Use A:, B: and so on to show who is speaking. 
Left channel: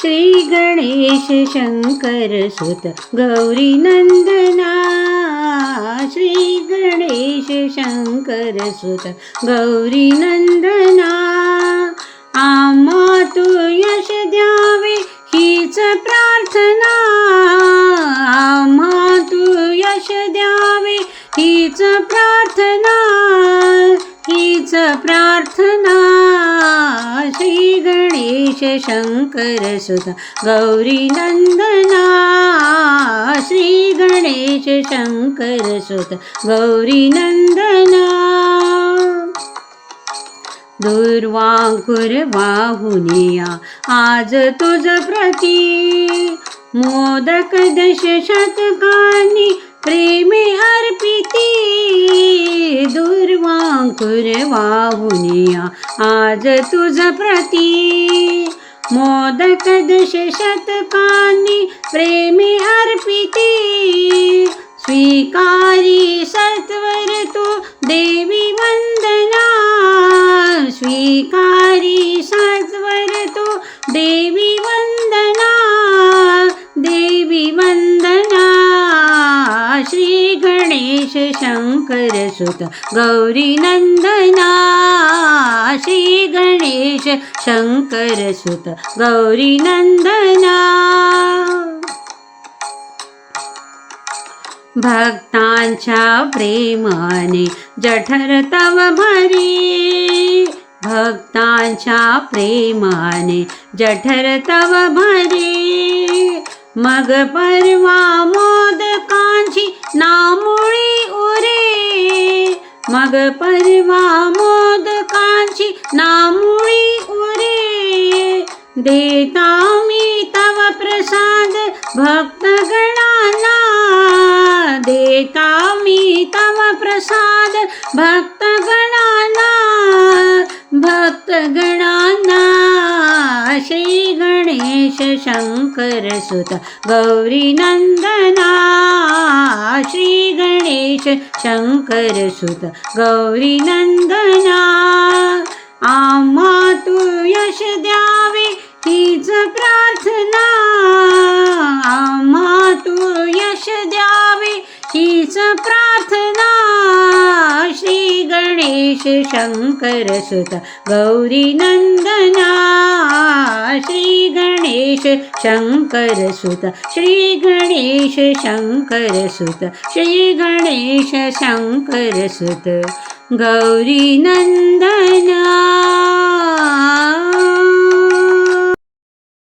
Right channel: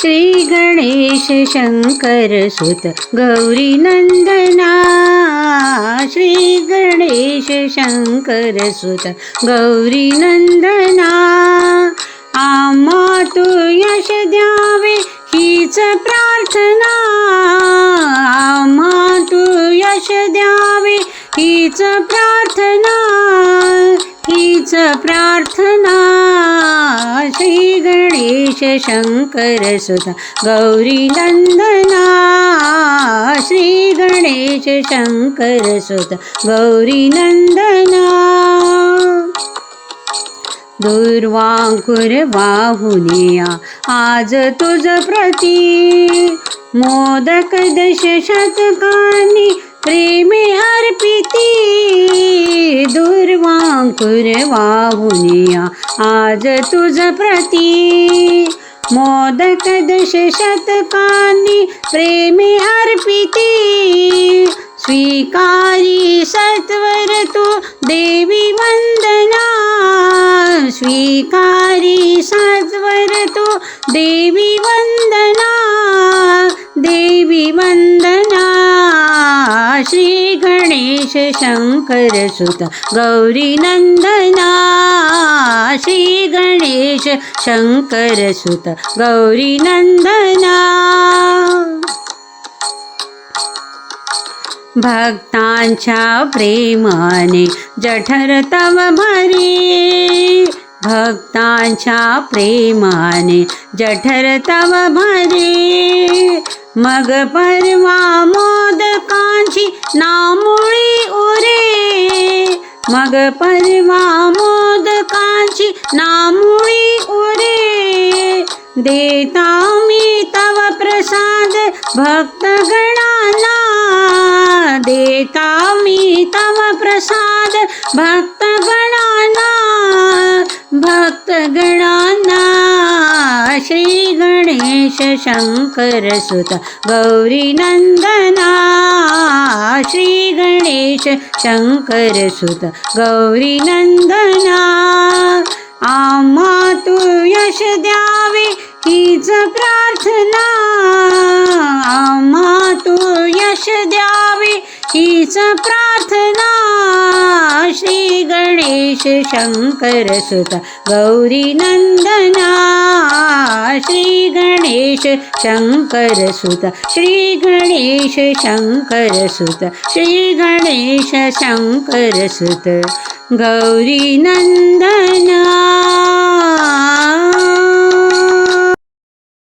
A: श्री गणेश शंकर सुत गौरी नंदना। श्री गणेश शंकर सुत गौरी नंदना। आम्हा तू यश द्यावे हीच प्रार्थना। आम्हा तू यश द्यावे हीच प्रार्थना। हीच प्रार्थना गणेश शंकर सुता गौरी नंदना श्री गणेश शंकर सुता गौरी नंदना। दुर्वांकुर वाहुनिया आज तुझ प्रती। मोदक दश शतकानी प्रेमे अर्पिती। दुर्वांकुर वाहुनी वाहुनिया आज तुझ प्रती मोदक दश शतकानी प्रेमे अर्पिती. स्वीकारी सत्वर तू देवी वंदना. स्वीकारी सत्वर तू देवी वंदना. देवी वंदना. श्री गणेश शंकर सुत गौरी नंदना. शंकर सुत गौरी नंदना भक्तांच्या प्रेमाने जठर तव भरी। भक्तांच्या प्रेमाने जठर तव भरी। मग परवा मोदकांची नामुळी उरे। मग परवा मोदकांची नाम देता मी तव प्रसाद भक्तगणांना। देता मी तव प्रसाद भक्तगणांना। भक्तगणांना। श्री गणेश शंकर सुत प्रार्थना आम्हा तू यश द्यावे. हीच प्रार्थना श्री गणेश शंकर सुत. गौरी नंदना श्री गणेश शंकर सुत. श्री गणेश शंकर सुत. श्री गणेश शंकर सुत. गौरी नंद